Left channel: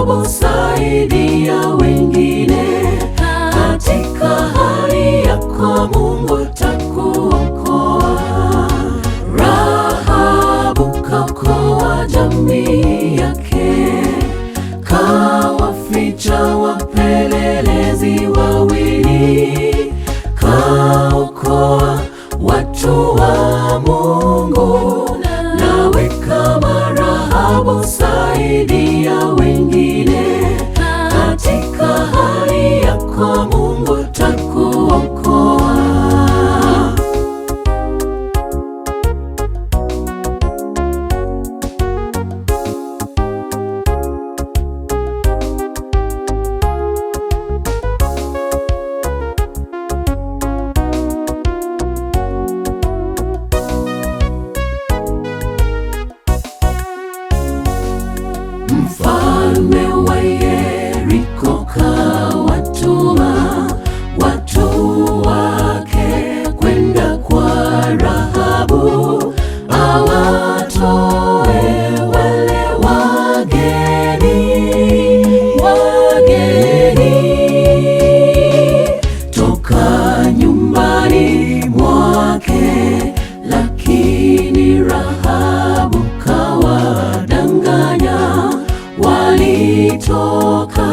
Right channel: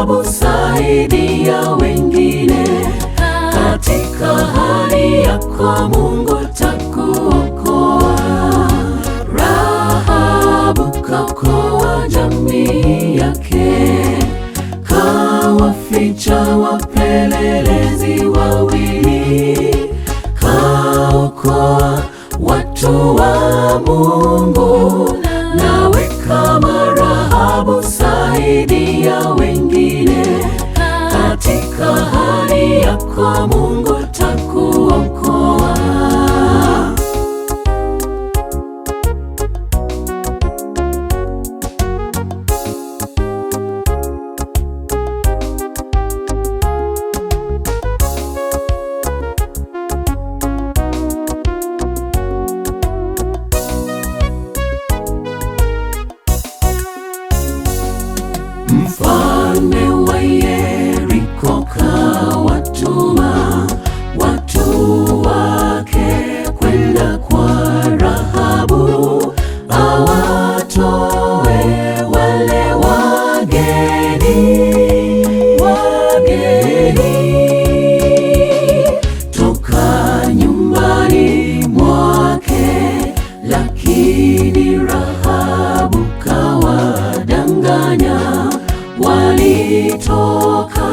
Rahabu, saidia wengine. Katika hali yako Mungu takuokoa. Rahabu kaokoa jamii yake, kawaficha wapelelezi wawili, kaokoa watu wa Mungu. Nawe kama Rahabu, saidia wengine. Katika hali yako Mungu takuokoa. Mfalme wa Yeriko kawatuma watu wake kwenda kwa Rahabu, awatoe wale wageni toka nyumbani mwake. Lakini Rahabu kawadanganya, walitoka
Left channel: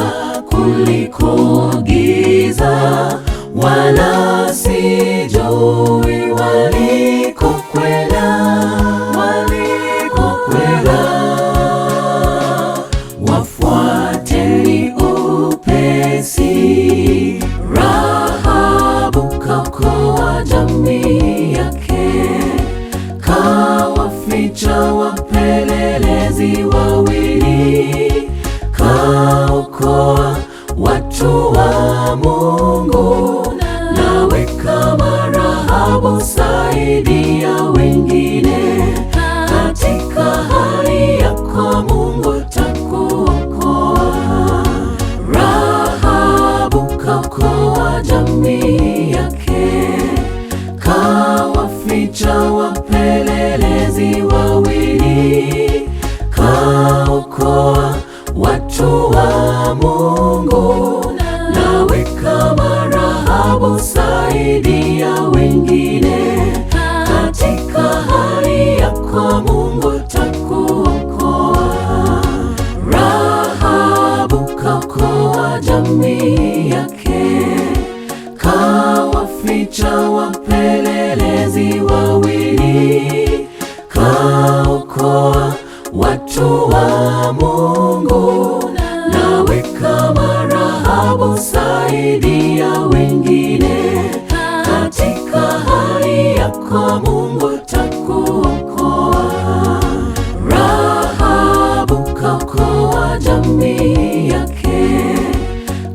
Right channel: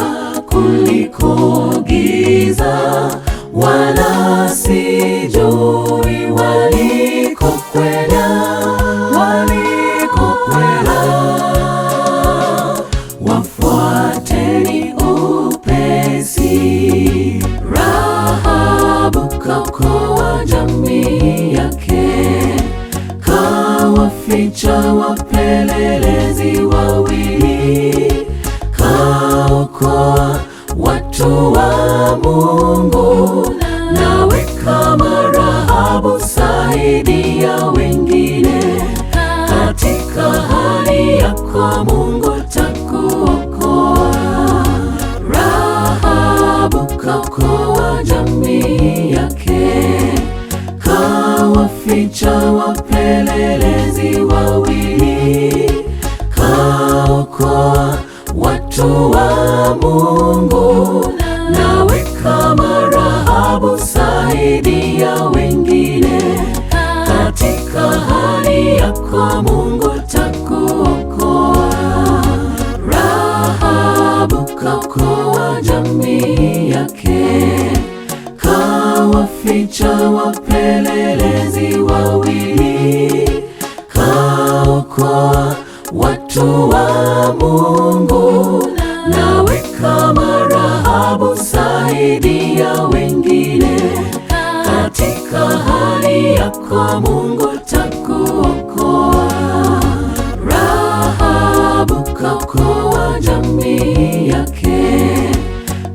kuliko giza, wala sijui walikokwenda. Wafuateni upesi. Rahabu kaokoa jamii yake, kawaficha wapelelezi wawili, kaokoa watu wa Mungu. Nawe kama Rahabu, saidia wengine. Katika hali yako Mungu takuokoa. Rahabu kaokoa jamii yake, kawaficha wapelelezi wawili, kaokoa watu wa Mungu. Nawe kama Rahabu, saidia wengine. Katika hali yako Mungu takuokoa. Rahabu kaokoa jamii yake, kawaficha wapelelezi wawili, kaokoa watu wa Mungu. Nawe kama Rahabu, saidia wengine. Katika hali yako Mungu takuokoa. Rahabu kaokoa jamii yake,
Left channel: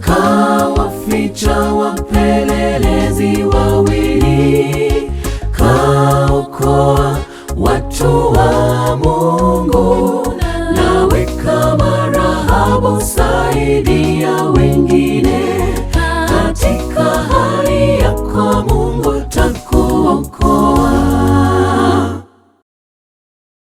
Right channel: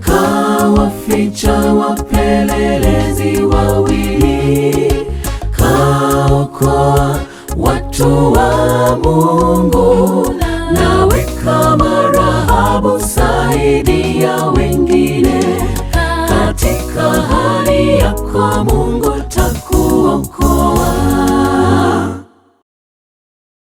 kawaficha wapelelezi wawili, kaokoa watu wa Mungu. Nawe kama Rahabu, saidia wengine. Katika hali yako